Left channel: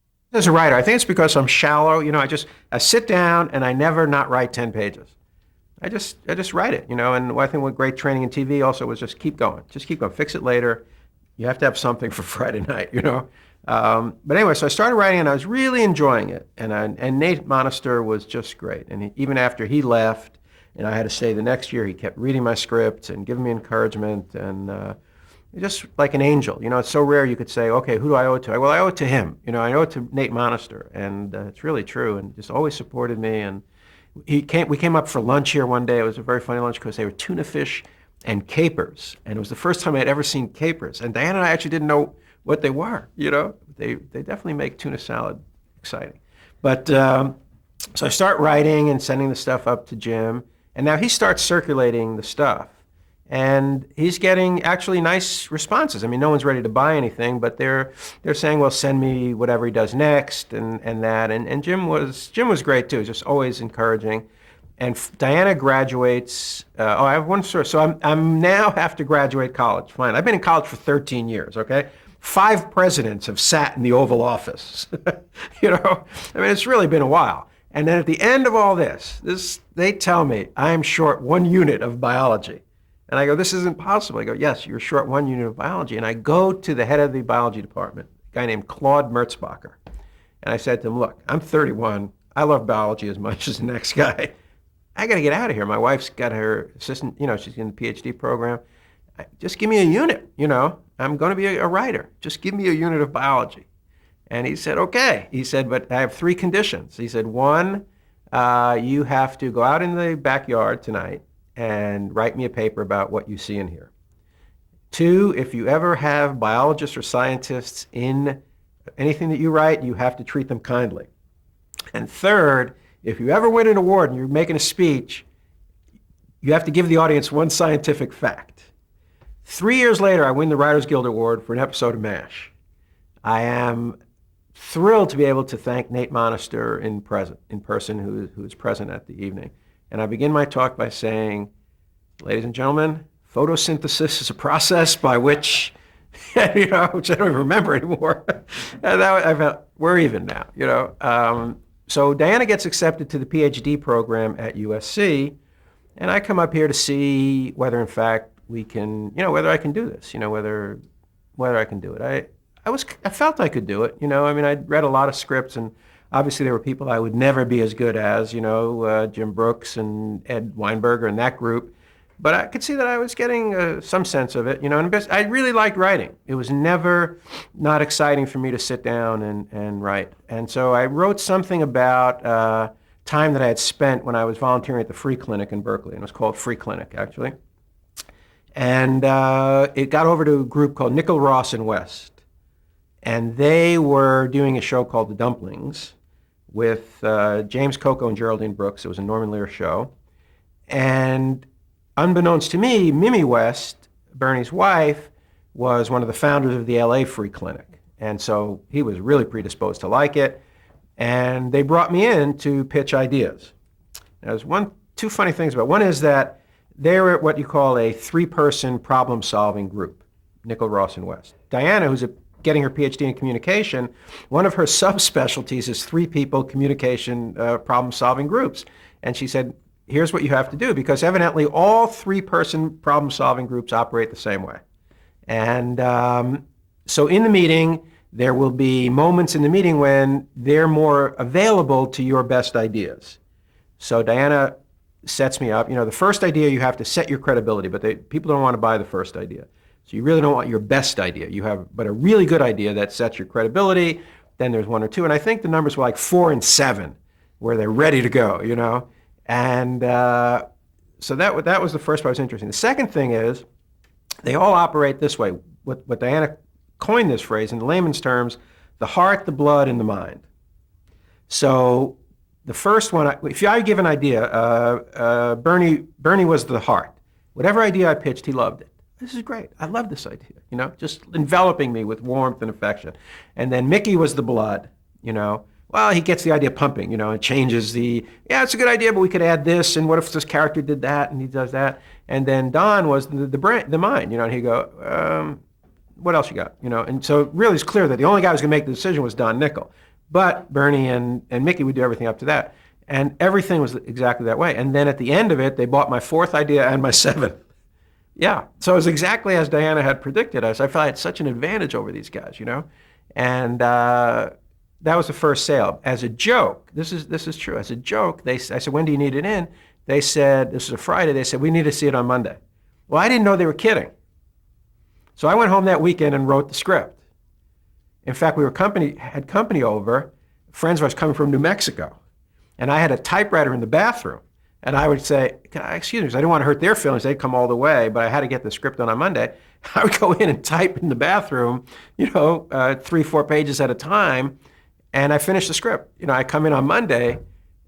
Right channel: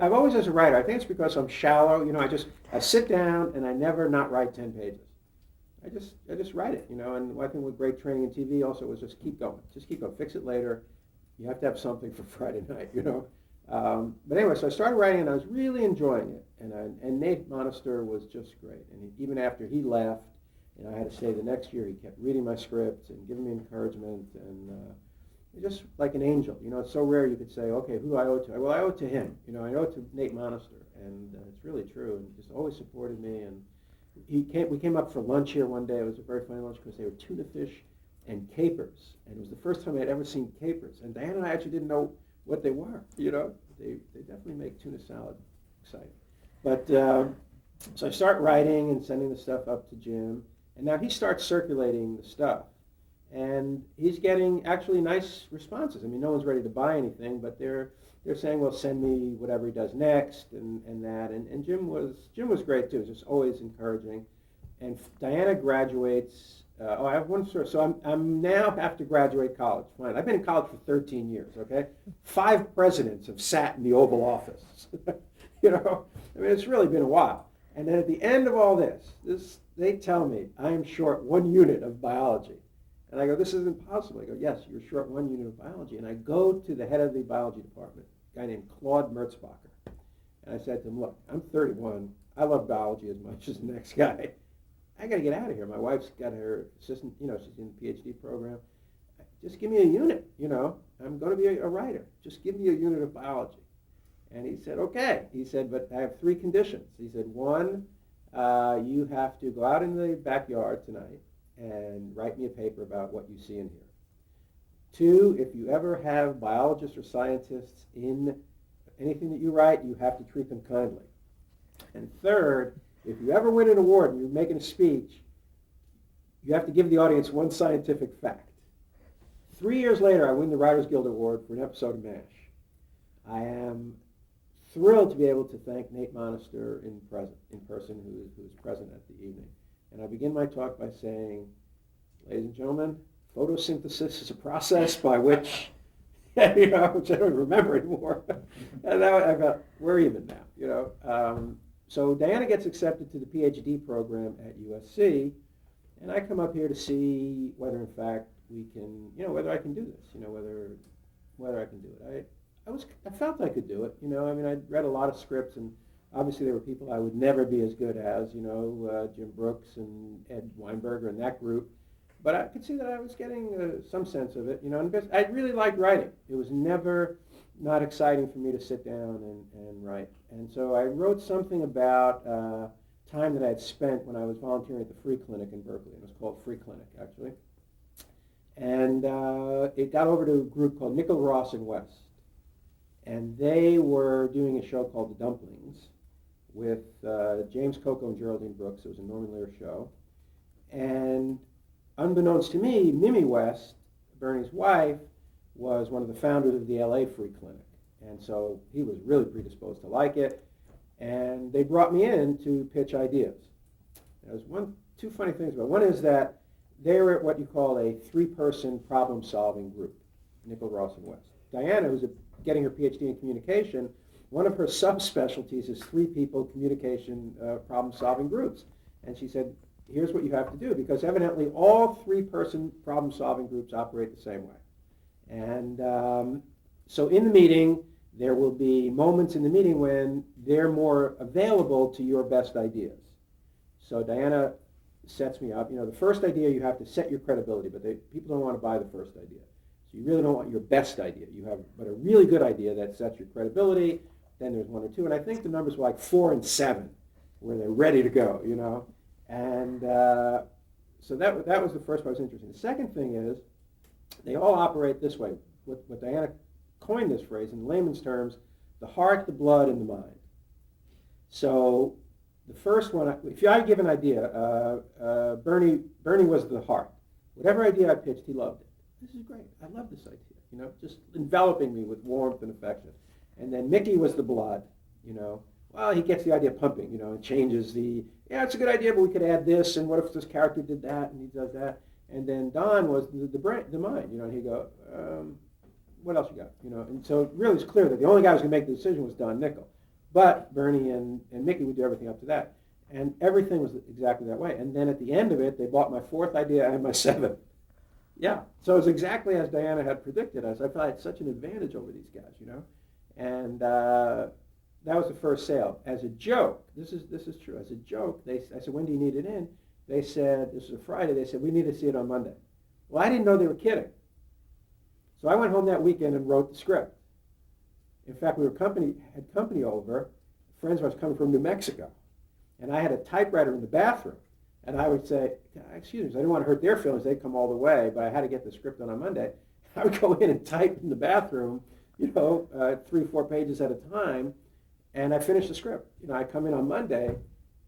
I've always, as a writer, I think it's because I'm shallow. I sit down and I never not write 10 pages. I just write it, and I think what great training in TV also was just keep going, fix it later. You have to have something for Friday night. But anyway, so I started writing and I was really enjoying it. And Nate Monster was just great. And even after he left and I had to stay the next year, he kept reading my scripts and giving me encouragement and just like an angel. It's so rare you could say, okay, who do I owe it to? Well, I owe it to him. I owe it to Nate Monster. And it's really true, and just always supported me. And we came up for lunch here one day. It was a very funny lunch because they were tuna fish and capers. And it was the first time I'd ever seen capers. And Diana and I actually didn't know what they were. They definitely make tuna salad exciting. But so I start writing and sending the stuff up to Jim. And now he starts circulating the stuff. And he's getting actually nice responses. I mean, no one's ready to buy anything, but they're saying, well, send me whatever he does next and that. And Jim was great too, just always encouraging. And Diana graduates. I have one story. So I'm now have to graduate college. Fine. I've been in college for 13 years, okay? 5 presidents have sat in the Oval Office. I mean, it's really been a while. And then at the end of all this, they tell me I'm short 1 unit of biology. And I go, this isn't possible. I go, yes, you're short 1 unit of biology. And I go to the head of the biology department, a guy named Claude Merzbacher. And I said to him, look, I'm 31. I love biology as much as the next guy. I got to get out of here. My wife's got her assistant, she's in the PhD program. Just give me a unit, I'm going to be a writer. Just give me a unit of biology. And he said, okay. He said, but I have 3 conditions. He said, 1, you have to go out in the backyard tonight and write me a paper about what you see in here. 2, if you ever have biologists or scientists in anything that you write, you have to treat them kindly. And 3rd, if you ever win an award and you're making a speech, you have to give the audience 1 scientific fact. 3 years later, I win the Writers Guild Award for an episode of MASH. I am thrilled to be able to thank Nate Monster in person, who is present at the evening. And I begin my talk by saying, ladies and gentlemen, photosynthesis is a process by which, which I don't even remember anymore. And I felt, we're even now, So Diana gets accepted to the PhD program at USC, and I come up here to see whether, in fact, we can, whether I can do this, whether I can do it. I felt I could do it, I mean, I'd read a lot of scripts, and obviously there were people I would never be as good as, Jim Brooks and Ed Weinberger and that group. But I could see that I was getting some sense of it, and I really liked writing. It was never not exciting for me to sit down and write. And so I wrote something about time that I had spent when I was volunteering at the Free Clinic in Berkeley, and it was called Free Clinic, actually. And it got over to a group called Nickel, Ross, and West. And they were doing a show called The Dumplings with James Coco and Geraldine Brooks. It was a Norman Lear show. And unbeknownst to me, Mimi West, Bernie's wife, was one of the founders of the LA Free Clinic. And so he was really predisposed to like it. And they brought me in to pitch ideas. There's 2 funny things about it. One is that they're what you call a 3-person problem-solving group, Nickel, Ross, and West. Diana, who's getting her PhD in communication, one of her subspecialties is 3-people communication problem-solving groups. And she said, here's what you have to do, because evidently all 3-person problem-solving groups operate the same way. And so in the meeting, there will be moments in the meeting when they're more available to your best ideas. So Diana sets me up. The first idea, you have to set your credibility, but people don't want to buy the first idea. So you really don't want your best idea. You have but a really good idea that sets your credibility. Then there's 1 or 2. And I think the numbers were like 4 and 7, where they're ready to go, And so that was the first part that was interesting. The second thing is, they all operate this way. What Diana coined this phrase, in layman's terms, the heart, the blood, and the mind. So the first one, if I give an idea, Bernie was the heart. Whatever idea I pitched, he loved it. This is great. I love this idea, just enveloping me with warmth and affection. And then Mickey was the blood, Well, he gets the idea pumping, and changes yeah, it's a good idea, but we could add this, and what if this character did that, and he does that. And then Don was the mind, and he'd go, What else you got? You know, and so really it's clear that the only guy who was going to make the decision was Don Nickel. But Bernie and Mickey would do everything up to that. And everything was exactly that way. And then at the end of it, they bought my fourth idea and my seventh. Yeah. So it was exactly as Diana had predicted. I felt I had such an advantage over these guys, you know? And that was the first sale. As a joke, this is true. As a joke, I said, when do you need it in? They said, this is a Friday, they said, we need to see it on Monday. Well, I didn't know they were kidding. So I went home that weekend and wrote the script. In fact, we had company over, friends of ours coming from New Mexico. And I had a typewriter in the bathroom. And I would say, excuse me, because I didn't want to hurt their feelings. They'd come all the way, but I had to get the script done on Monday. I would go in and type in the bathroom, 3-4 pages at a time, and I finished the script. I come in on Monday,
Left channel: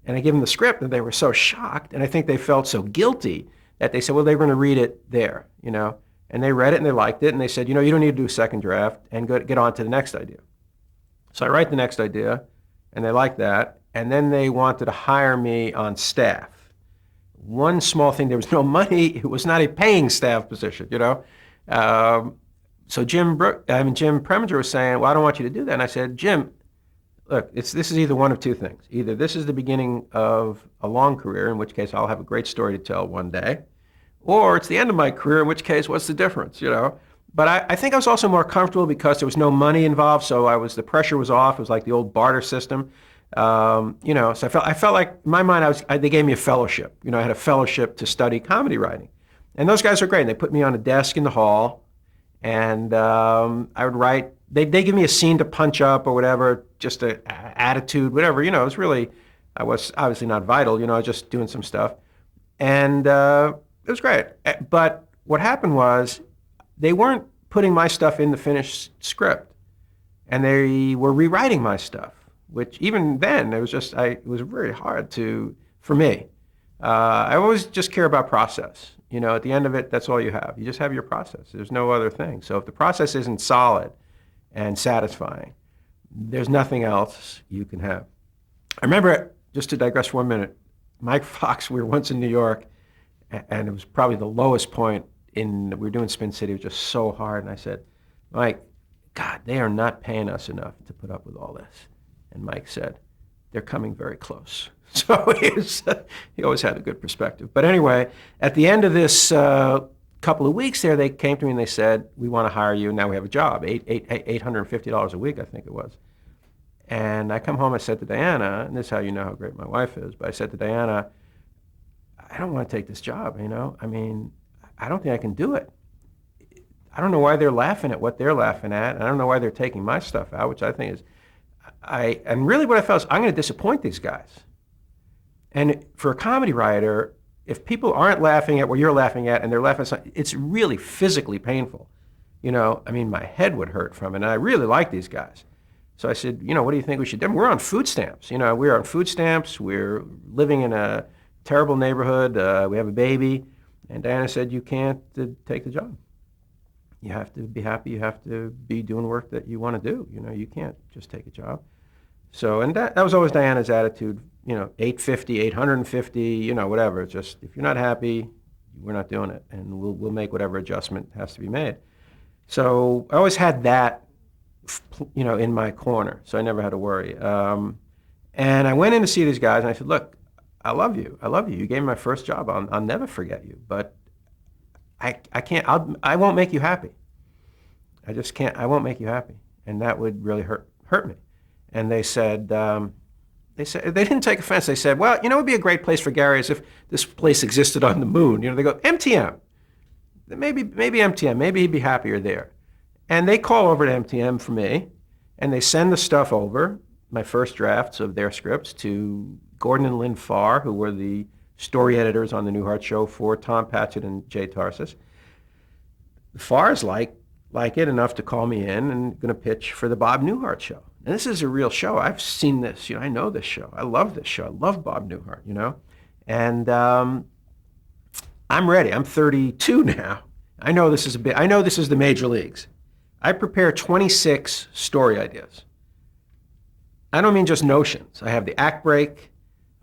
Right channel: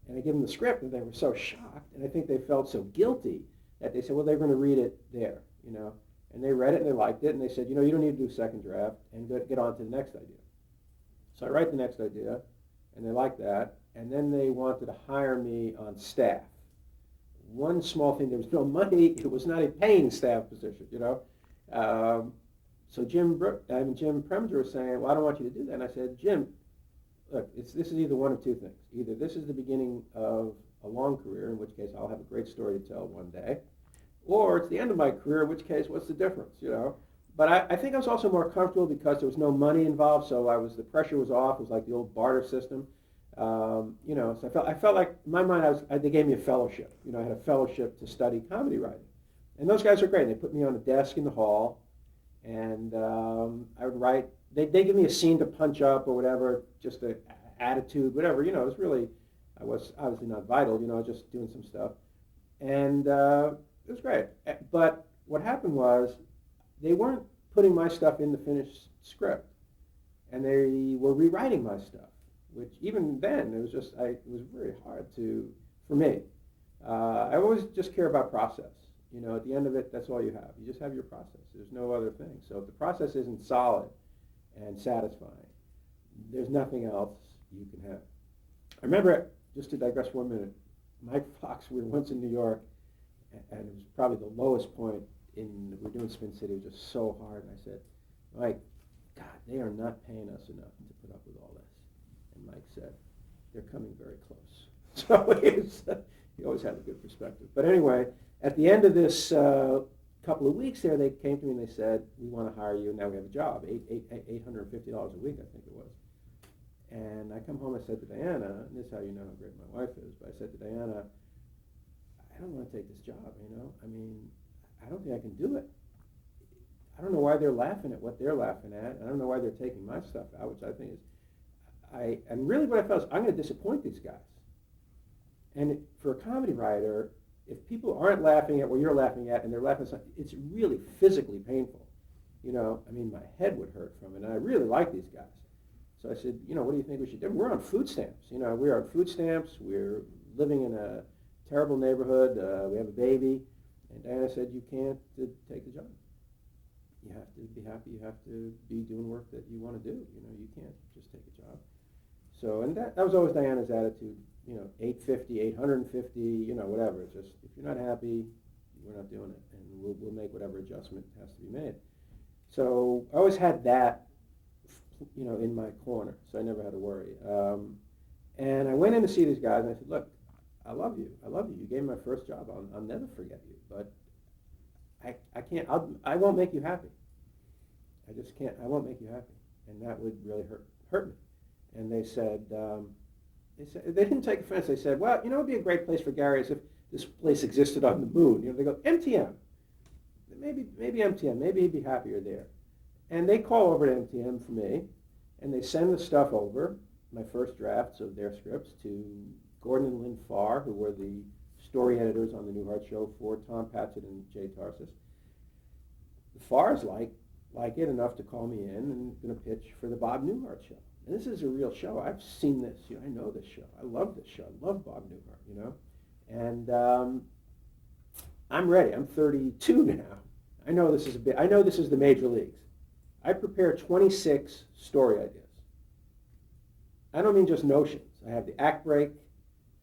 and I give them the script, and they were so shocked, and I think they felt so guilty that they said, well, they're going to read it there, And they read it, and they liked it, and they said, you don't need to do a second draft, and get on to the next idea. So I write the next idea, and they liked that, and then they wanted to hire me on staff. One small thing, there was no money. It was not a paying staff position, So Jim Preminger was saying, well, I don't want you to do that. And I said, Jim, look, this is either one of two things. Either this is the beginning of a long career, in which case I'll have a great story to tell one day, or it's the end of my career, in which case, what's the difference, But I think I was also more comfortable because there was no money involved, so the pressure was off. It was like the old barter system. So I felt like, in my mind, they gave me a fellowship. I had a fellowship to study comedy writing. And those guys are great. And they put me on a desk in the hall, and I would write. They give me a scene to punch up or whatever, just an attitude, whatever. It was really, I was obviously not vital. I was just doing some stuff. And it was great. But what happened was they weren't putting my stuff in the finished script, and they were rewriting my stuff. Which even then, it was very hard for me. I always just care about process. At the end of it, that's all you have. You just have your process. There's no other thing. So if the process isn't solid and satisfying, there's nothing else you can have. I remember, just to digress for 1 minute, Mike Fox, we were once in New York, and it was probably the lowest point we were doing Spin City. It was just so hard. And I said, Mike, God, they are not paying us enough to put up with all this. And Mike said, they're coming very close. So he always had a good perspective. But anyway, at the end of this couple of weeks there, they came to me and they said, we want to hire you. Now we have a job, $850 a week, I think it was. And I come home, I said to Diana, and this is how you know how great my wife is, but I said to Diana, I don't want to take this job, I mean, I don't think I can do it. I don't know why they're laughing at what they're laughing at. And I don't know why they're taking my stuff out, which I think is, and really what I felt is I'm going to disappoint these guys. And for a comedy writer, if people aren't laughing at what you're laughing at and they're laughing at something, it's really physically painful. I mean, my head would hurt from it. And I really like these guys. So I said, what do you think we should do? We're on food stamps. We're on food stamps. We're living in a terrible neighborhood. We have a baby. And Diana said, you can't take the job. You have to be happy. You have to be doing work that you want to do. You can't just take a job. So, and that was always Diana's attitude, $850, $850, whatever. It's just, if you're not happy, we're not doing it. And we'll make whatever adjustment has to be made. So I always had that, in my corner. So I never had to worry. And I went in to see these guys and I said, look, I love you. I love you. You gave me my first job. I'll never forget you. But I can't, I won't make you happy. I just can't, I won't make you happy. And that would really hurt me. And they said, they didn't take offense. They said, well, it would be a great place for Gary as if this place existed on the moon. They go, MTM. Maybe MTM, maybe he'd be happier there. And they call over to MTM for me, and they send the stuff over, my first drafts of their scripts, to Gordon and Lynn Farr, who were the story editors on the Newhart Show for Tom Patchett and Jay Tarsis. Farr's like it enough to call me in and going to pitch for the Bob Newhart Show. And this is a real show. I've seen this. I know this show. I love this show. I love Bob Newhart, And I'm ready. I'm 32 now. I know this is the major leagues. I prepare 26 story ideas. I don't mean just notions. I have the act break.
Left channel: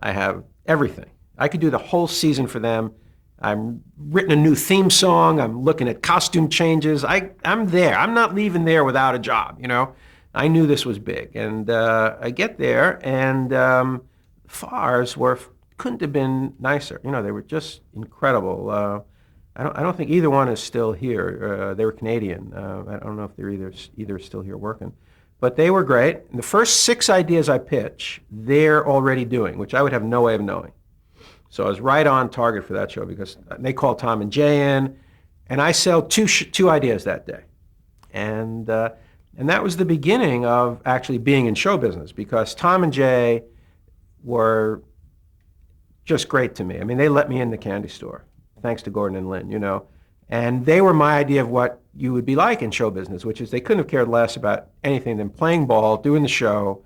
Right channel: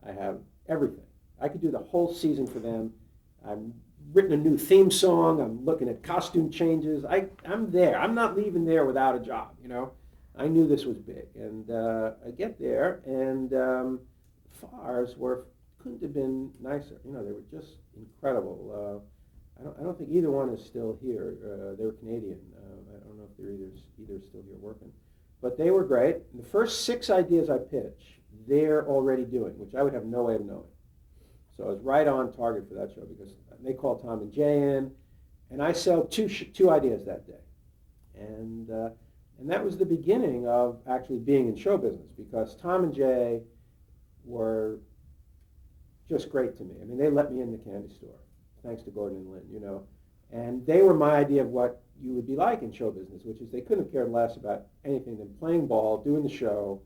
I have everything. I could do the whole season for them I'm written a new theme song. I'm looking at costume changes. I'm there. I'm not leaving there without a job, you know. I knew this was big. And I get there, and FARs couldn't have been nicer. You know, they were just incredible. I don't think either one is still here. They were Canadian. I don't know if they're either still here working. But they were great. And the first 6 ideas I pitch, they're already doing, which I would have no way of knowing. So I was right on target for that show because they called Tom and Jay in, and I sell two ideas that day. And that was the beginning of actually being in show business, because Tom and Jay were just great to me. I mean, they let me in the candy store, thanks to Gordon and Lynn, you know. And they were my idea of what you would be like in show business, which is they couldn't have cared less about anything than playing ball, doing the show,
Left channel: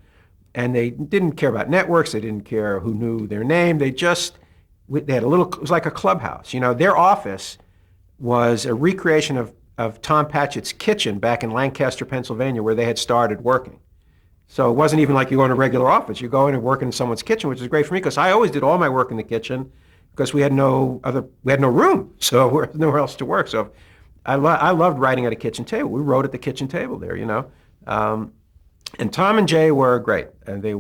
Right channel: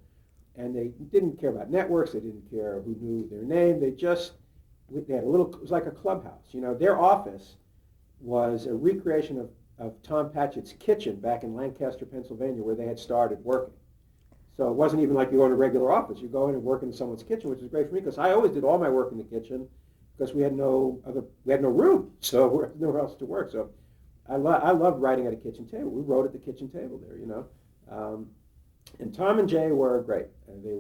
and they didn't care about networks. They didn't care who knew their name. They had it was like a clubhouse. You know, their office was a recreation of Tom Patchett's kitchen back in Lancaster, Pennsylvania, where they had started working. So it wasn't even like you go in a regular office. You go in and work in someone's kitchen, which is great for me because I always did all my work in the kitchen because we had no room, so there was nowhere else to work. So I loved writing at a kitchen table. We wrote at the kitchen table there, you know. And Tom and Jay were great, and they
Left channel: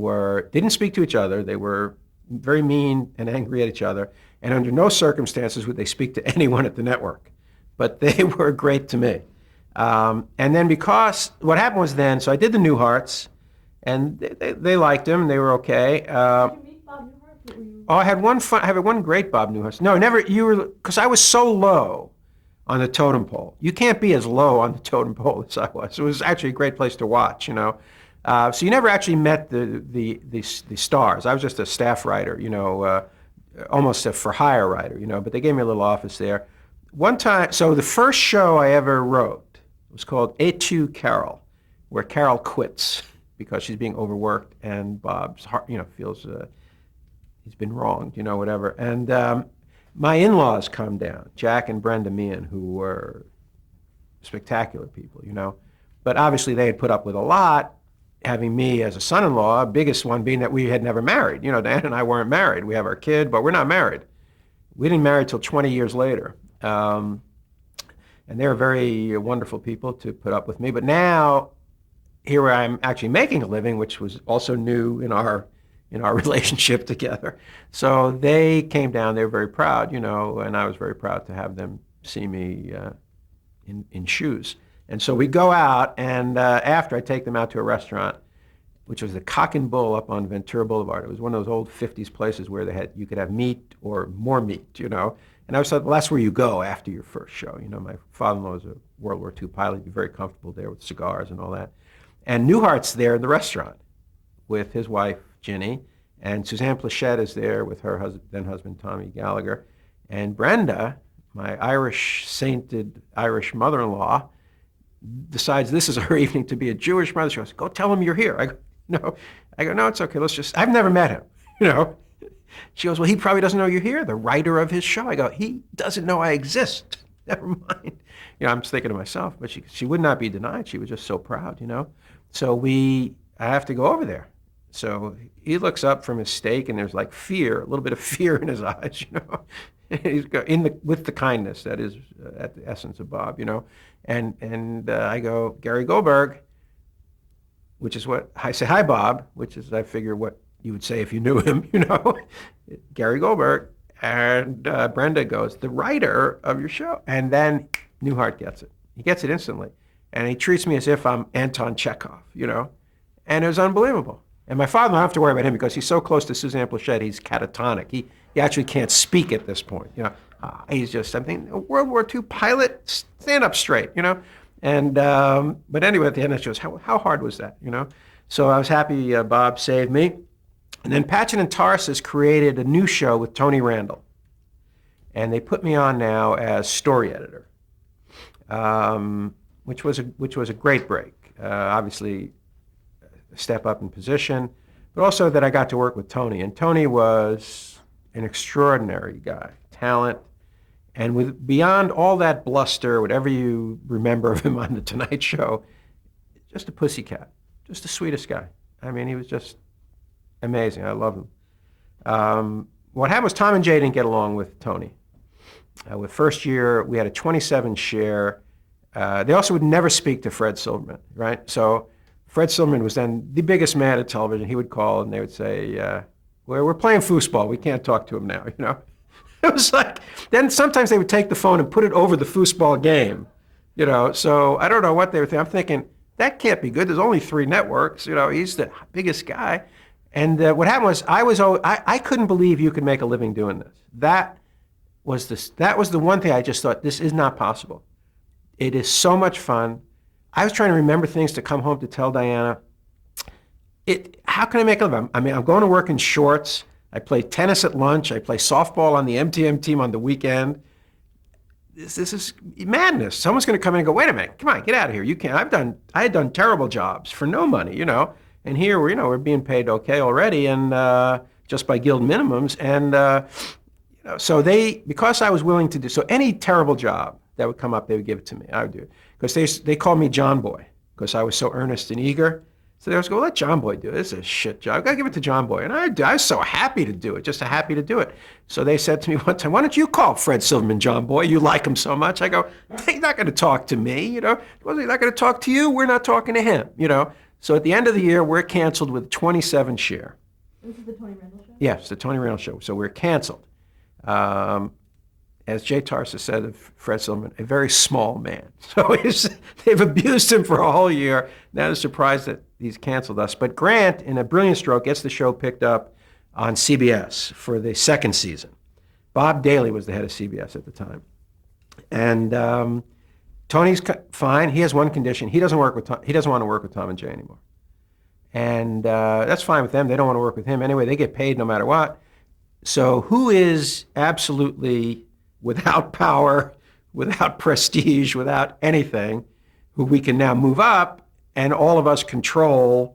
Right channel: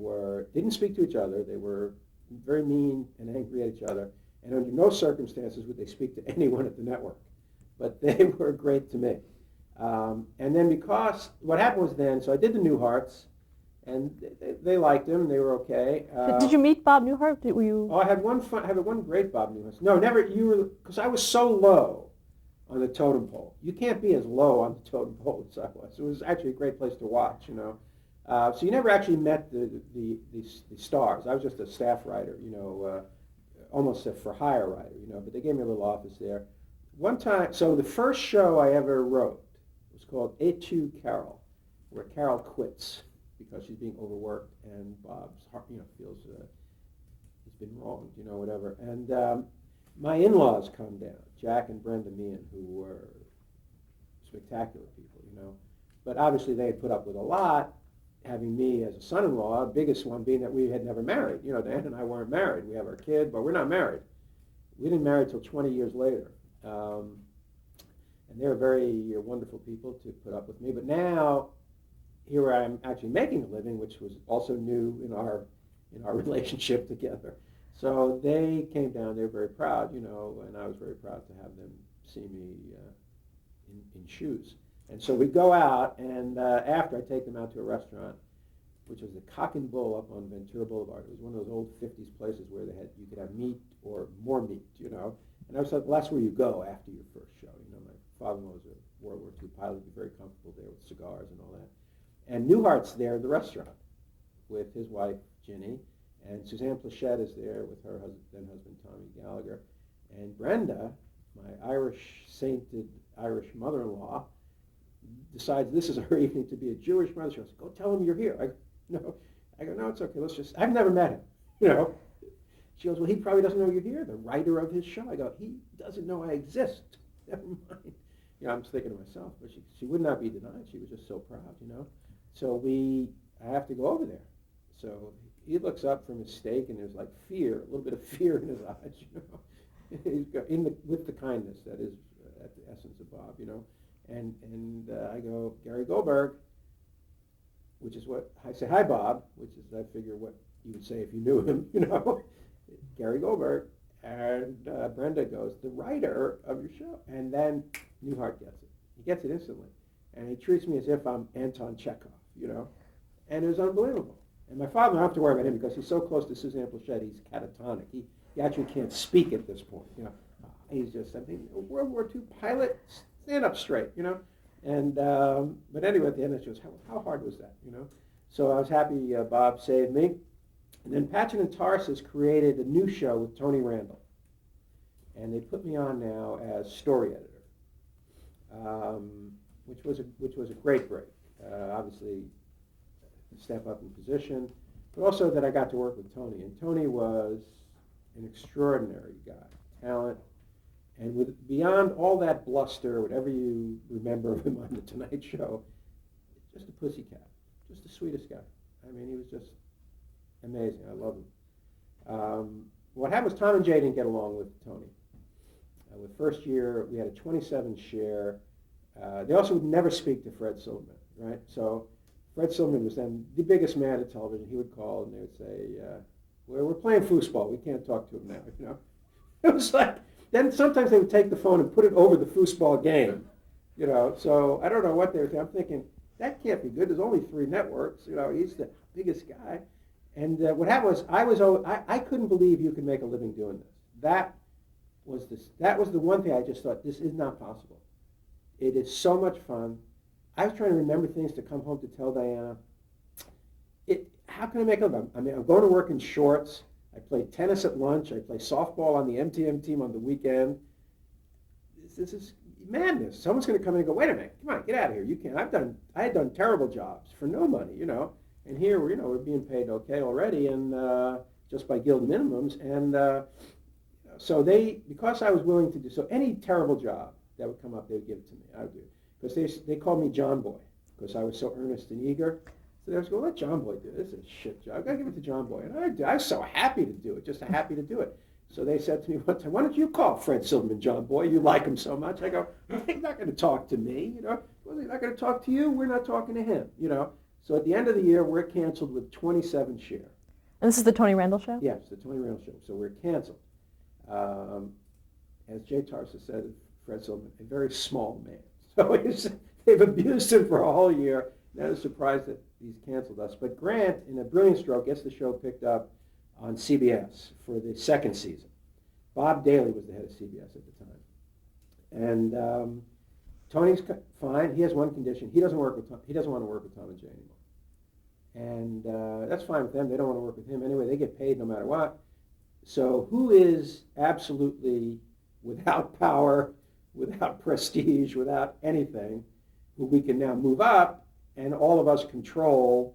didn't speak to each other. They were very mean and angry at each other, and under no circumstances would they speak to anyone at the network. But they were great to me. And then because what happened was so I did the Newharts, and they liked him. They were okay. Did you meet Bob Newhart? Oh, I had one great Bob Newhart. No, never. Because I was so low on the totem pole. You can't be as low on the totem pole as I was. It was actually a great place to watch, you know. So you never actually met the stars. I was just a staff writer, you know, almost a for-hire writer, you know. But they gave me a little office there. One time, so the first show I ever wrote was called Et tu, Carol, where Carol quits because she's being overworked, and Bob's heart, you know, feels he's been wronged, you know, whatever. And my in-laws come down, Jack and Brenda Meehan, who were spectacular people, you know. But obviously they had put up with a lot, having me as a son-in-law, biggest one being that we had never married. You know, Dan and I weren't married. We have our kid, but we're not married. We didn't marry till 20 years later. And they're very wonderful people to put up with me. But now, here I am actually making a living, which was also new in our relationship together. So they came down. They were very proud, you know, and I was very proud to have them see me in shoes. And so we go out, and after I take them out to a restaurant, which was the Cock and Bull up on Ventura Boulevard. It was one of those old 50s places where you could have meat or more meat, you know. And I was thought, well, that's where you go after your first show. You know, my father-in-law was a World War II pilot. He'd be very comfortable there with cigars and all that. And Newhart's there in the restaurant with his wife, Ginny, and Suzanne Plachette is there with her then husband, Tommy Gallagher. And Brenda, my sainted Irish mother-in-law, decides this is her evening to be a Jewish mother. She goes, go tell him you're here. I go, no. No, it's okay. I've never met him, you know. She goes, well, he probably doesn't know you're here, the writer of his show. I go, he doesn't know I exist. Never mind. You know, I'm just thinking to myself, but she would not be denied. She was just so proud, you know. So I have to go over there. So he looks up from his steak, and there's like fear, a little bit of fear in his eyes, you know. He's with the kindness that is at the essence of Bob, you know. And I go, Gary Goldberg, which is what I say, hi, Bob, which is, I figure, what you would say if you knew him, you know. Gary Goldberg. And Brenda goes, the writer of your show. And then Newhart gets it. He gets it instantly. And he treats me as if I'm Anton Chekhov, you know. And it was unbelievable. And my father, I don't have to worry about him because he's so close to Suzanne Plachette, he's catatonic. He actually can't speak at this point, you know. He's just something, a World War II pilot, stand up straight, you know. And, but anyway, at the end, it shows how hard was that, you know. So I was happy Bob saved me. And then Patchett and Tarsus created a new show with Tony Randall. And they put me on now as story editor, which was a great break. Obviously, a step up in position, but also that I got to work with Tony. And Tony was an extraordinary guy, talent, and beyond all that bluster, whatever you remember of him on The Tonight Show, just a pussycat, just the sweetest guy. I mean, he was just amazing. I love him. What happened was Tom and Jay didn't get along with Tony. With first year, we had a 27 share. They also would never speak to Fred Silverman, right? So Fred Silverman was then the biggest man at television. He would call and they would say, we're playing foosball. We can't talk to him now, you know? It was like, then sometimes they would take the phone and put it over the foosball game, you know? So I don't know what they were thinking. I'm thinking, that can't be good. There's only 3 networks, you know? He's the biggest guy. And what happened was, I couldn't believe you could make a living doing this. That was the one thing I just thought, this is not possible. It is so much fun. I was trying to remember things to come home to tell Diana. How can I make a living? I mean, I'm going to work in shorts. I play tennis at lunch. I play softball on the MTM team on the weekend. This is madness. Someone's going to come in and go, wait a minute, come on, get out of here. You can't. I had done terrible jobs for no money, you know. And here, we're being paid okay already, and just by guild minimums. And so because I was willing to do, so any terrible job that would come up, they would give it to me. I would do it. Because they called me John Boy, because I was so earnest and eager. So they always go, let John Boy do it. This is a shit job. I've got to give it to John Boy. And I was so happy to do it, just happy to do it. So they said to me one time, why don't you call Fred Silverman John Boy? You like him so much. I go, he's not going to talk to me, you know. Well, he's not going to talk to you. We're not talking to him, you know. So at the end of the year, we're canceled with 27 share. And this is the Tony Randall Show? Yes, the Tony Randall Show. So we're canceled. As Jay Tarsa said of Fred Silverman, a very small man. So they've abused him for a whole year. Now they're surprised that he's canceled us. But Grant, in a brilliant stroke, gets the show picked up on CBS for the second season. Bob Daly was the head of CBS at the time. And Tony's fine. He has one condition. He doesn't want to work with Tom and Jay anymore. And that's fine with them. They don't want to work with him anyway. They get paid no matter what. So who is absolutely without power, without prestige, without anything, who we can now move up, and all of us control?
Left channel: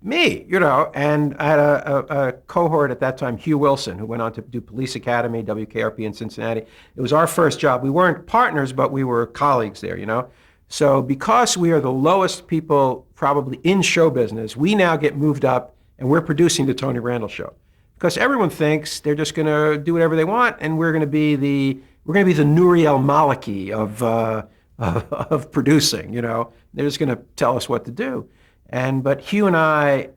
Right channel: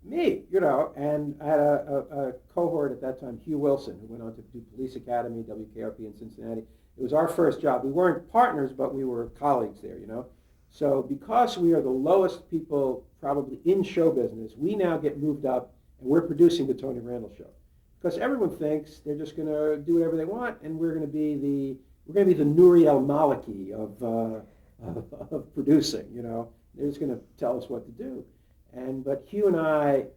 Me, you know. And I had a cohort at that time, Hugh Wilson, who went on to do Police Academy, WKRP in Cincinnati. It was our first job. We weren't partners, but we were colleagues there, you know. So because we are the lowest people probably in show business, we now get moved up, and we're producing the Tony Randall Show. Because everyone thinks they're just going to do whatever they want, and we're going to be the Nouriel Maliki of producing. You know, they're just going to tell us what to do. But Hugh and I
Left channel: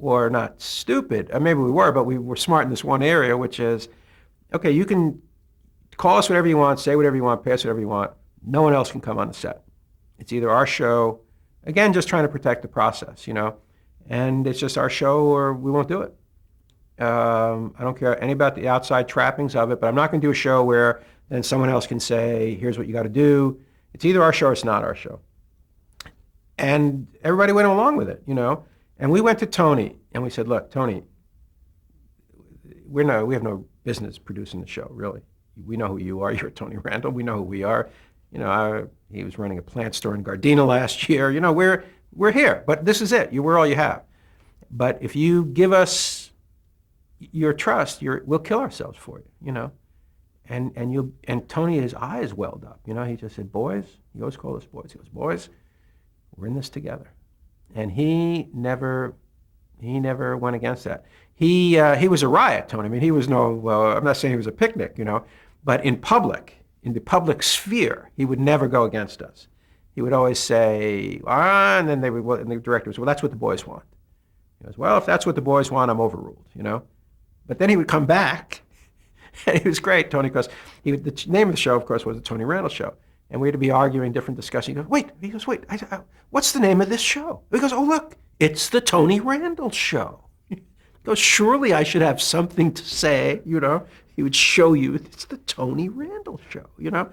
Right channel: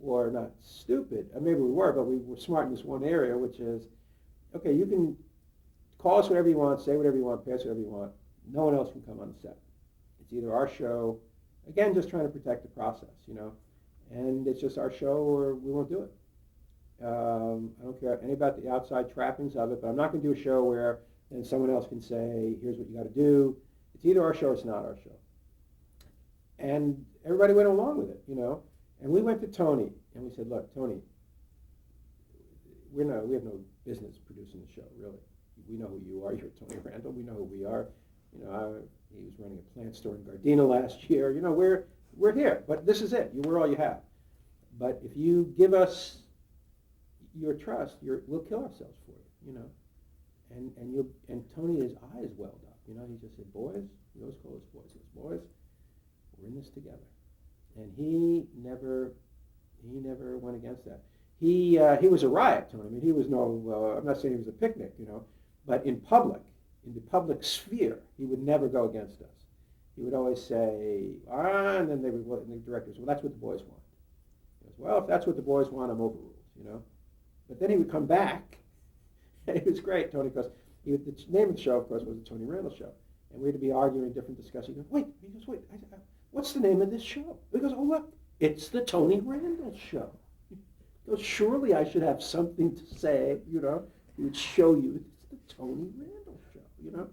were not stupid. Maybe we were, but we were smart in this one area, which is, okay, you can call us whatever you want, say whatever you want, pay us whatever you want. No one else can come on the set. It's either our show, again, just trying to protect the process, you know, and it's just our show or we won't do it. I don't care any about the outside trappings of it, but I'm not going to do a show where then someone else can say, here's what you got to do. It's either our show or it's not our show. And everybody went along with it, you know. And we went to Tony and we said, look, Tony, we have no business producing the show, really. We know who you are. You're Tony Randall. We know who we are. You know, he was running a plant store in Gardena last year. You know, we're here, but this is it. We're all you have. But if you give us your trust, we'll kill ourselves for you, you know. And Tony, his eyes welled up, you know. He just said, boys, he always called us boys. He goes, boys, we're in this together. And he never went against that. He was a riot, Tony. I mean, he was I'm not saying he was a picnic, you know, but in the public sphere, he would never go against us. He would always say, and then and the director was, well, that's what the boys want. He goes, well, if that's what the boys want, I'm overruled, you know. But then he would come back, and he was great, Tony, because the name of the show, of course, was the Tony Randall Show. And we had to be arguing different discussions. He goes, wait, what's the name of this show? He goes, oh, look, it's the Tony Randall Show. He goes, surely I should have something to say, you know. He would show you, it's the Tony Randall Show, you know.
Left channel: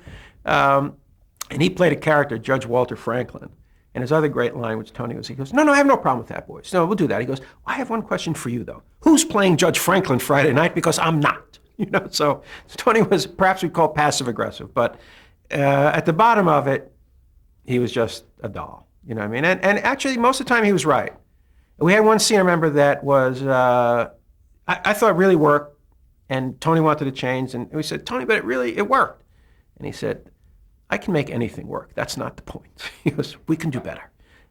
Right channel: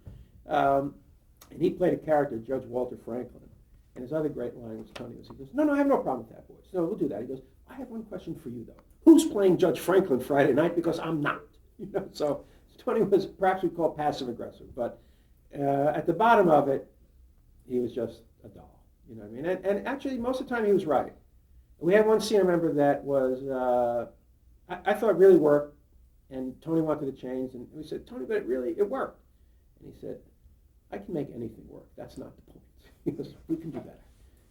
And he played a character, Judge Walter Franklin. And his other great line, which Tony was, he goes, no, I have no problem with that, boys. No, we'll do that. He goes, I have one question for you, though. Who's playing Judge Franklin Friday night? Because I'm not. You know, so Tony was, perhaps we'd call passive-aggressive. But at the bottom of it, he was just a doll. You know what I mean? And actually, most of the time, he was right. We had one scene, I remember, that was, I thought really worked. And Tony wanted to change. And we said, Tony, but it worked. And he said, I can make anything work. That's not the point. He goes, we can do better.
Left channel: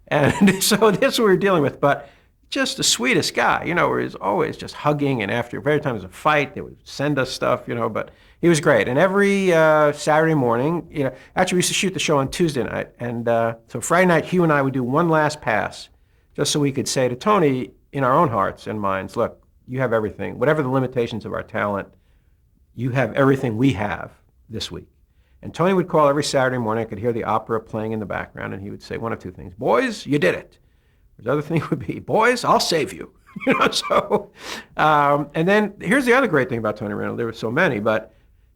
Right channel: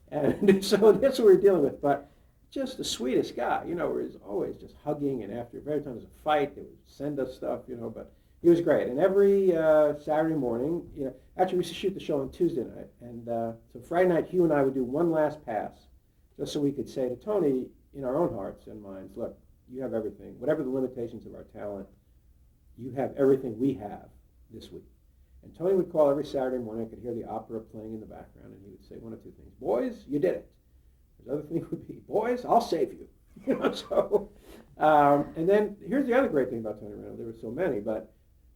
And so this is what we were dealing with. But just the sweetest guy, where he's always just hugging, and after every time there's a fight, they would send us stuff, but he was great. And every Saturday morning, actually we used to shoot the show on Tuesday night, and so Friday night, Hugh and I would do one last pass, just so we could say to Tony, in our own hearts and minds, look, you have everything. Whatever the limitations of our talent, you have everything we have this week. And Tony would call every Saturday morning. I could hear the opera playing in the background, and he would say one of two things. Boys, you did it. The other thing would be, boys, I'll save you. And then here's the other great thing about Tony Randall. There were so many, but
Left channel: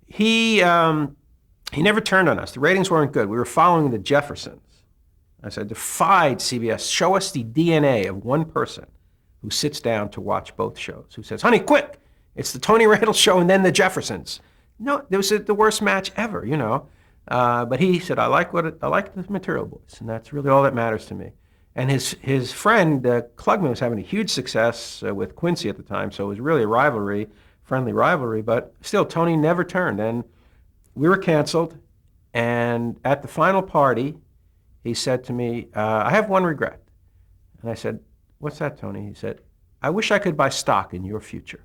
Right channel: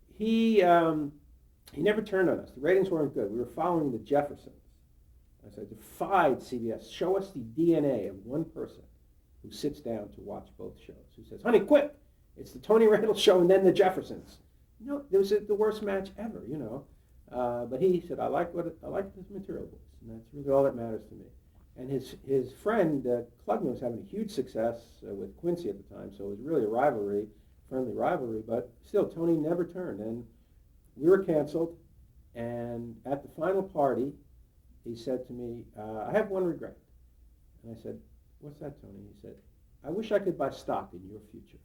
he never turned on us. The ratings weren't good. We were following the Jeffersons. I said, defied CBS. Show us the DNA of one person who sits down to watch both shows, who says, honey, quick, it's the Tony Randall show and then the Jeffersons. No, it was the worst match ever, But he said, I like the material, boys, and that's really all that matters to me. And his friend, Klugman, was having a huge success with Quincy at the time, so it was really a friendly rivalry, but still, Tony never turned. And we were canceled, and at the final party, he said to me, I have one regret. And I said, what's that, Tony? He said, I wish I could buy stock in your future.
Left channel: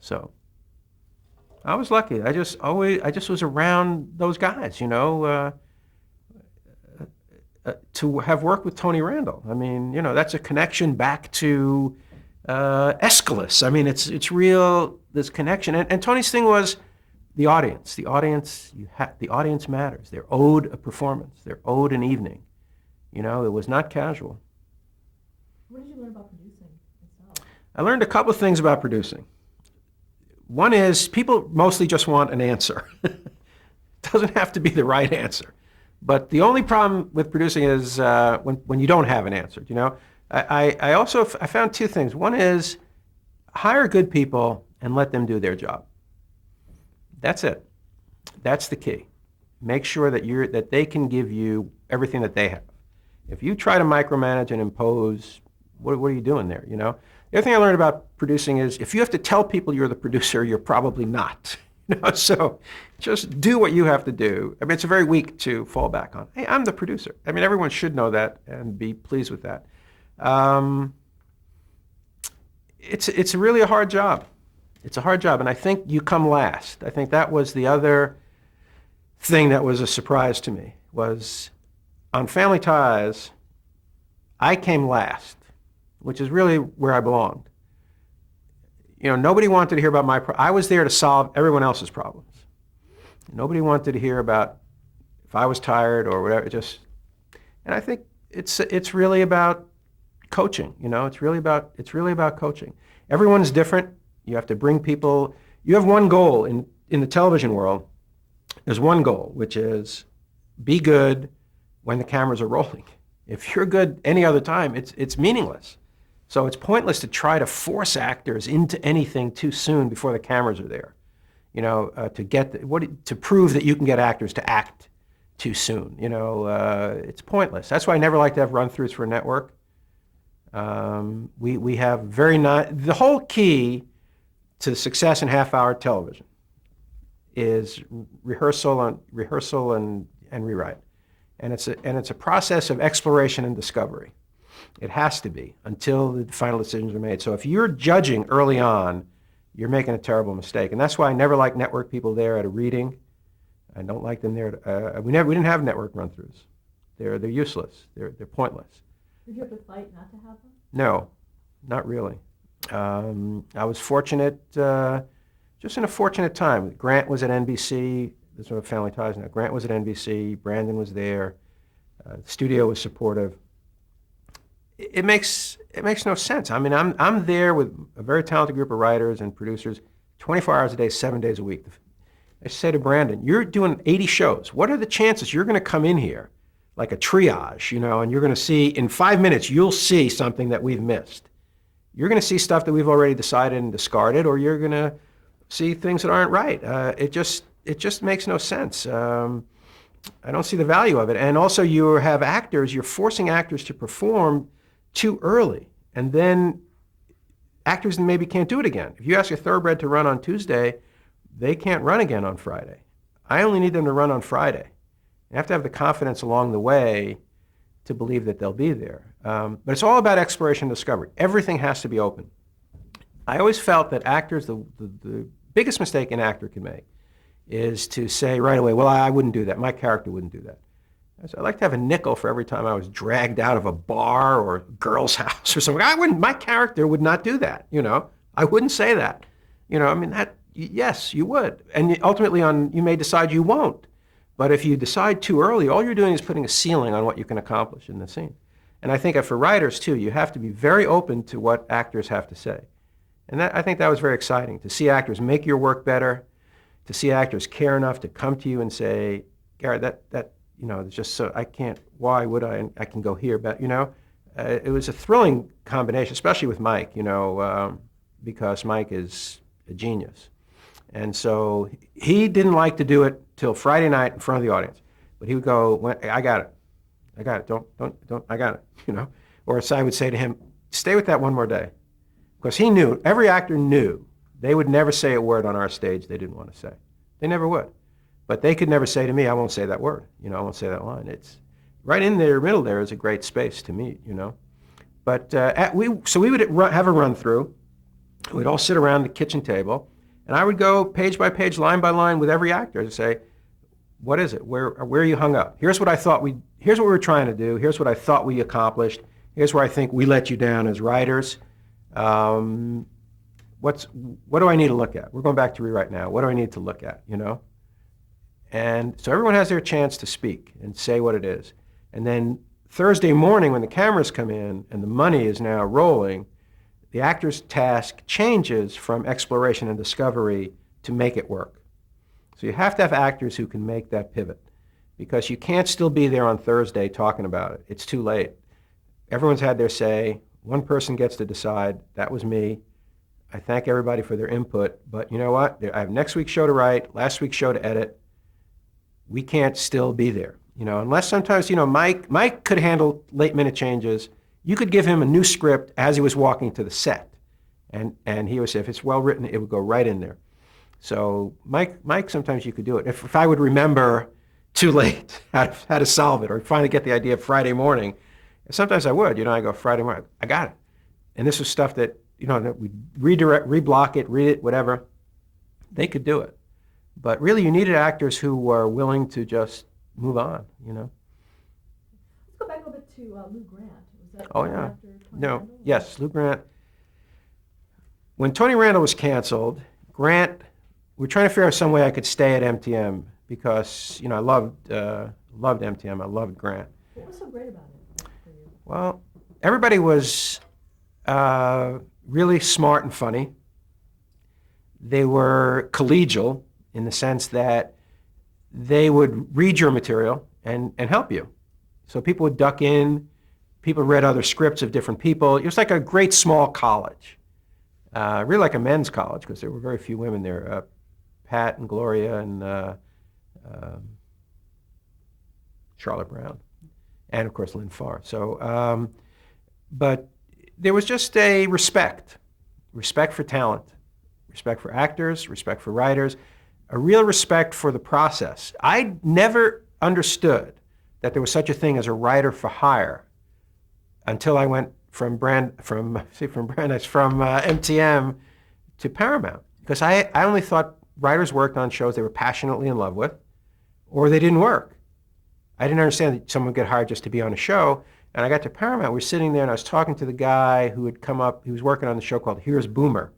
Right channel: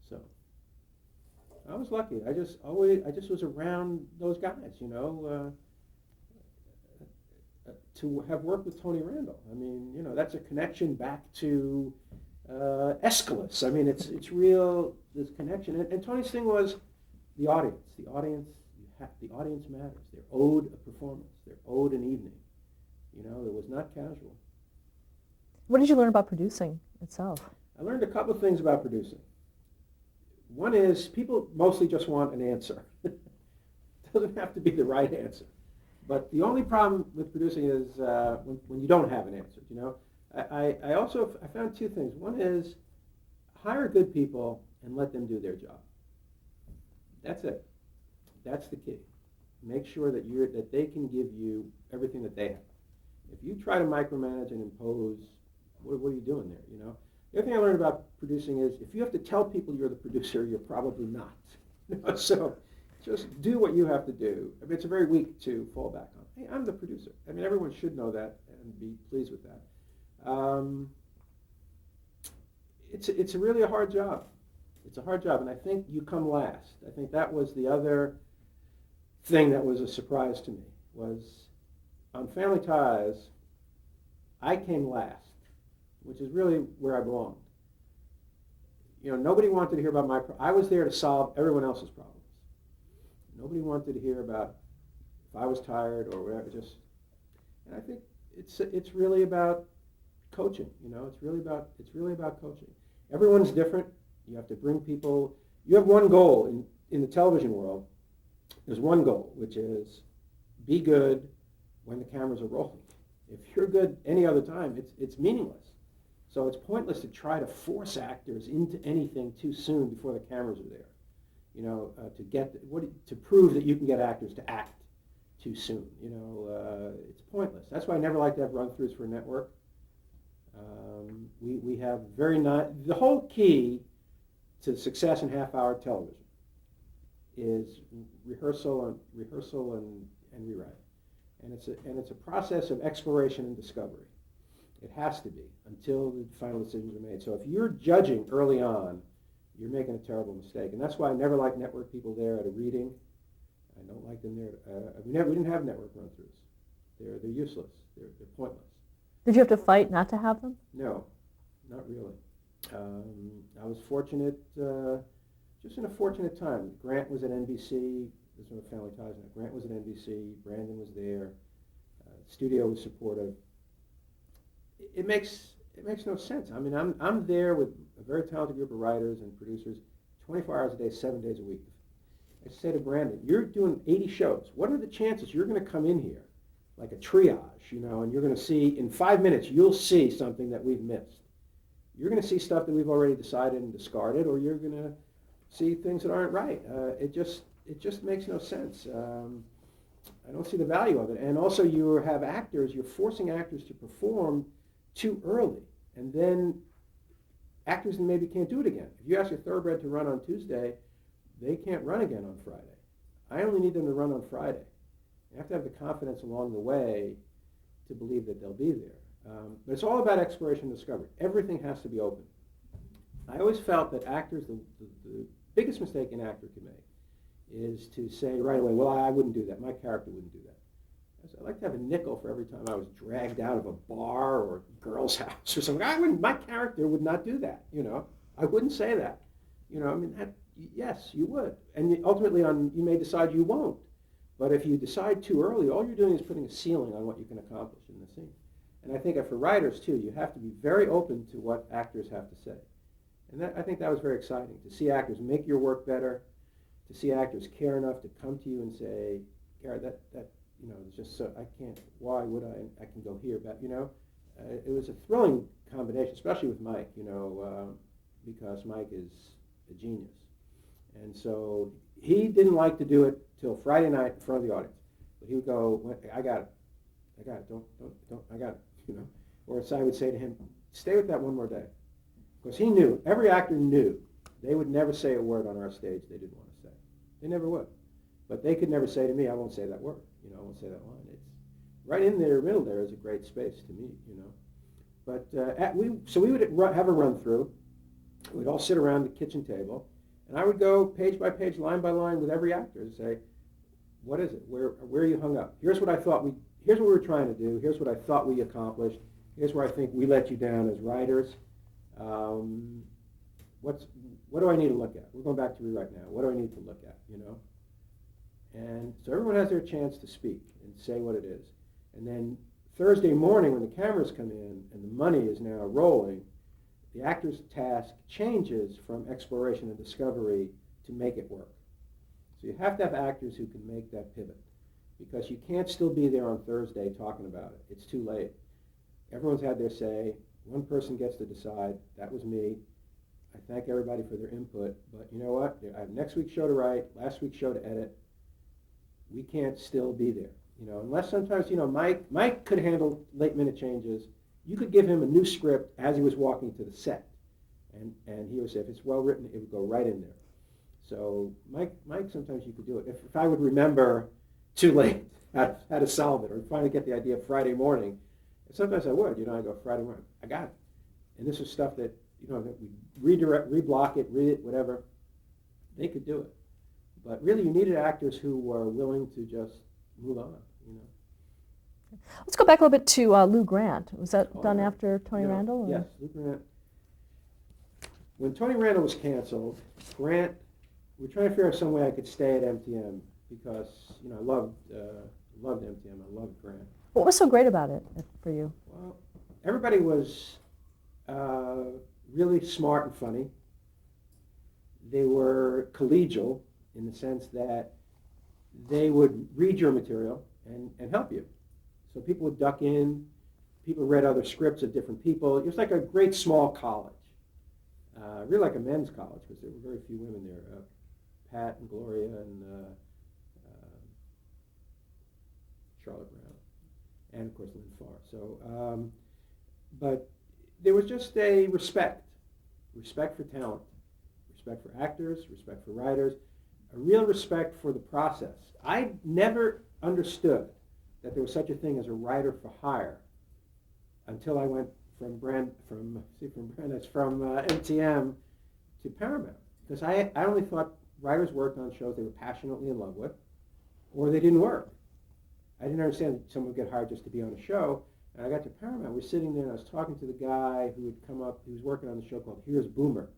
So I was lucky. I just was around those guys, to have worked with Tony Randall. I mean, that's a connection back to Aeschylus. I mean, it's real, this connection. And Tony's thing was the audience. The audience matters. They're owed a performance. They're owed an evening. It was not casual. What did you learn about producing itself? I learned a couple of things about producing. One is people mostly just want an answer. It doesn't have to be the right answer. But the only problem with producing is when you don't have an answer. I also found two things. One is hire good people and let them do their job. That's it. That's the key. Make sure that they can give you everything that they have. If you try to micromanage and impose, what are you doing there? The other thing I learned about producing is if you have to tell people you're the producer, you're probably not. So just do what you have to do. I mean, it's very weak to fall back on. Hey, I'm the producer. I mean, everyone should know that and be pleased with that. It's really a hard job. It's a hard job, and I think you come last. I think that was the other thing that was a surprise to me, was on Family Ties, I came last, which is really where I belonged. Nobody wanted to hear about I was there to solve everyone else's problems. Nobody wanted to hear about if I was tired or whatever. And I think it's really about coaching. It's really about coaching. Everyone's different. You have to bring people. You have one goal in the television world. There's one goal, which is be good when the cameras are rolling. If you're good any other time, it's meaningless. So it's pointless to try to force actors into anything too soon before the cameras are there. To prove that you can get actors to act too soon. It's pointless. That's why I never like to have run-throughs for a network. We have the whole key to success in half-hour television is rehearsal and rewrite, and it's a process of exploration and discovery. It has to be until the final decisions are made. So if you're judging early on, you're making a terrible mistake, and that's why I never like network people there at a reading. I don't like them there. We didn't have network run-throughs. They're useless. They're pointless. Did you have to fight not to have them? No, not really. I was fortunate, just in a fortunate time. Grant was at NBC. This is what Family Ties now. Grant was at NBC. Brandon was there. The studio was supportive. It makes no sense. I mean, I'm there with a very talented group of writers and producers, 24 hours a day, 7 days a week. I say to Brandon, you're doing 80 shows. What are the chances you're going to come in here like a triage, and you're going to see, in 5 minutes, you'll see something that we've missed. You're going to see stuff that we've already decided and discarded, or you're going to see things that aren't right. It just makes no sense. I don't see the value of it. And also you have actors, you're forcing actors to perform too early, and then actors maybe can't do it again. If you ask a thoroughbred to run on Tuesday, they can't run again on Friday. I only need them to run on Friday. You have to have the confidence along the way to believe that they'll be there. But it's all about exploration and discovery. Everything has to be open. I always felt that actors, the biggest mistake an actor can make is to say right away, well, I wouldn't do that. My character wouldn't do that. I'd like to have a nickel for every time I was dragged out of a bar or a girl's house or something. My character would not do that, you know. I wouldn't say that. You know, I mean, yes, you would. And ultimately, you may decide you won't. But if you decide too early, all you're doing is putting a ceiling on what you can accomplish in the scene. And I think that for writers, too, you have to be very open to what actors have to say. And I think that was very exciting, to see actors make your work better, to see actors care enough to come to you and say, Garrett, that you know, it's just so, I can't, why would I? And I can go here, but, you know, it was a thrilling combination, especially with Mike, you know, because Mike is a genius. And so he didn't like to do it till Friday night in front of the audience. But he would go, I got it, don't, I got it, you know. Or as I would say to him, stay with that one more day. Because he knew, every actor knew, they would never say a word on our stage they didn't want to say. They never would. But they could never say to me, I won't say that word, you know, I won't say that line. It's right in the middle there is a great space to meet, you know. But so we would have a run through. We'd all sit around the kitchen table, and I would go page by page, line by line with every actor to say, what is it? Where are you hung up? Here's what I thought here's what we were trying to do. Here's what I thought we accomplished. Here's where I think we let you down as writers. What do I need to look at? We're going back to rewrite now. What do I need to look at, you know? And so everyone has their chance to speak and say what it is. And then Thursday morning when the cameras come in and the money is now rolling, the actor's task changes from exploration and discovery to make it work. So you have to have actors who can make that pivot, because you can't still be there on Thursday talking about it. It's too late. Everyone's had their say. One person gets to decide. That was me. I thank everybody for their input, but you know what? I have next week's show to write, last week's show to edit. We can't still be there, you know, unless sometimes, you know, Mike could handle late-minute changes. You could give him a new script as he was walking to the set, and he would say, if it's well written, it would go right in there. So Mike, sometimes you could do it. If I would remember too late how to solve it, or finally get the idea Friday morning, sometimes I would, you know, I go Friday morning, I got it. And this was stuff that, you know, that we redirect, reblock it, read it, whatever. They could do it. But really, you needed actors who were willing to just move on, you know. Let's go back a little bit to Lou Grant. Was that done yeah. after Tony No. Randall? Or? Yes, Lou Grant. When Tony Randall was canceled, Grant, we were trying to figure out some way I could stay at MTM because, you know, I loved MTM. I loved Grant. What was so great about it for you? Well, everybody was really smart and funny. They were collegial in the sense that they would read your material and help you. So people would duck in. People read other scripts of different people. It was like a great small college, really like a men's college, because there were very few women there. Pat and Gloria and Charlotte Brown, and of course Lynn Farr. So, but there was just a respect for talent, respect for actors, respect for writers, a real respect for the process. I never understood that there was such a thing as a writer for hire until I went from MTM to Paramount, because I only thought writers worked on shows they were passionately in love with, or they didn't work. I didn't understand that someone would get hired just to be on a show. And I got to Paramount, we were sitting there and I was talking to the guy who had come up, he was working on the show called Here's Boomer.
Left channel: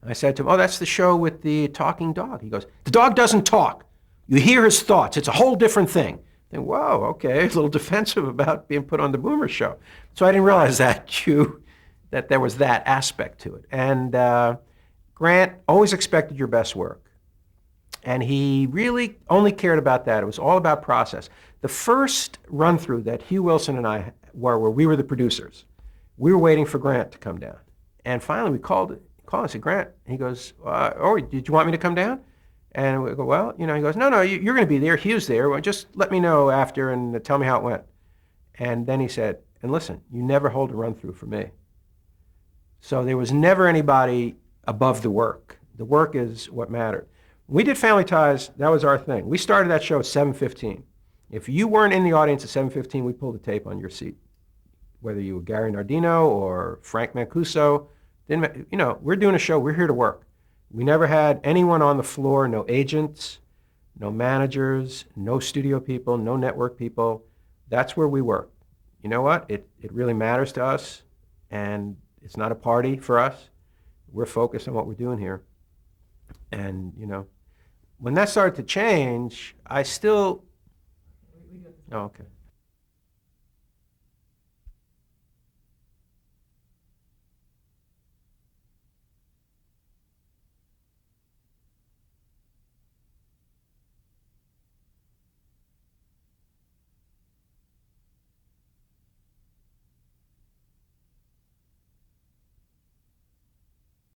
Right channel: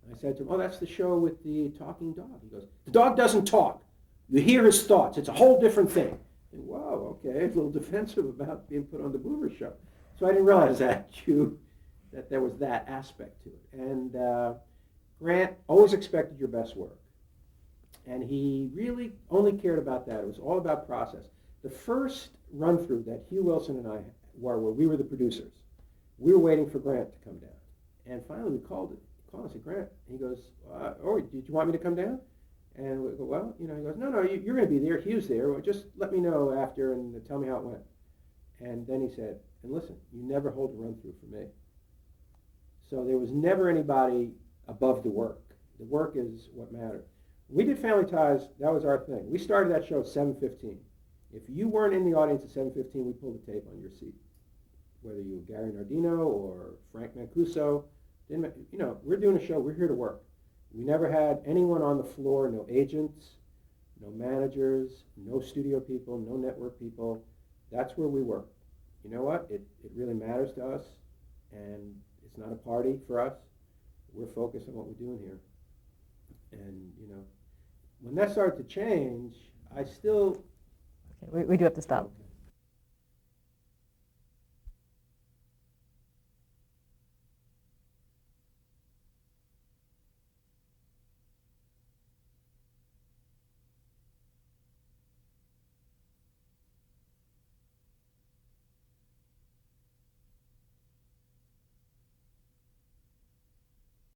And I said to him, oh, that's the show with the talking dog. He goes, the dog doesn't talk. You hear his thoughts. It's a whole different thing. And whoa, okay, a little defensive about being put on the Boomer show. So I didn't realize that there was that aspect to it. And Grant always expected your best work. And he really only cared about that. It was all about process. The first run-through that Hugh Wilson and I were, where we were the producers, we were waiting for Grant to come down. And finally we called and said, Grant, and he goes, oh, did you want me to come down? And we go, well, you know, he goes, no, you're going to be there. Hugh's there. Well, just let me know after and tell me how it went. And then he said, and listen, you never hold a run-through for me. So there was never anybody above the work. The work is what mattered. When we did Family Ties, that was our thing. We started that show at 7:15. If you weren't in the audience at 7:15, we pulled the tape on your seat. whether you were Gary Nardino or Frank Mancuso, we're doing a show, we're here to work. We never had anyone on the floor, no agents, no managers, no studio people, no network people. That's where we work. You know what? It really matters to us, and it's not a party for us. We're focused on what we're doing here. And, when that started to change, I still... Okay, we do have to Oh, stop. okay.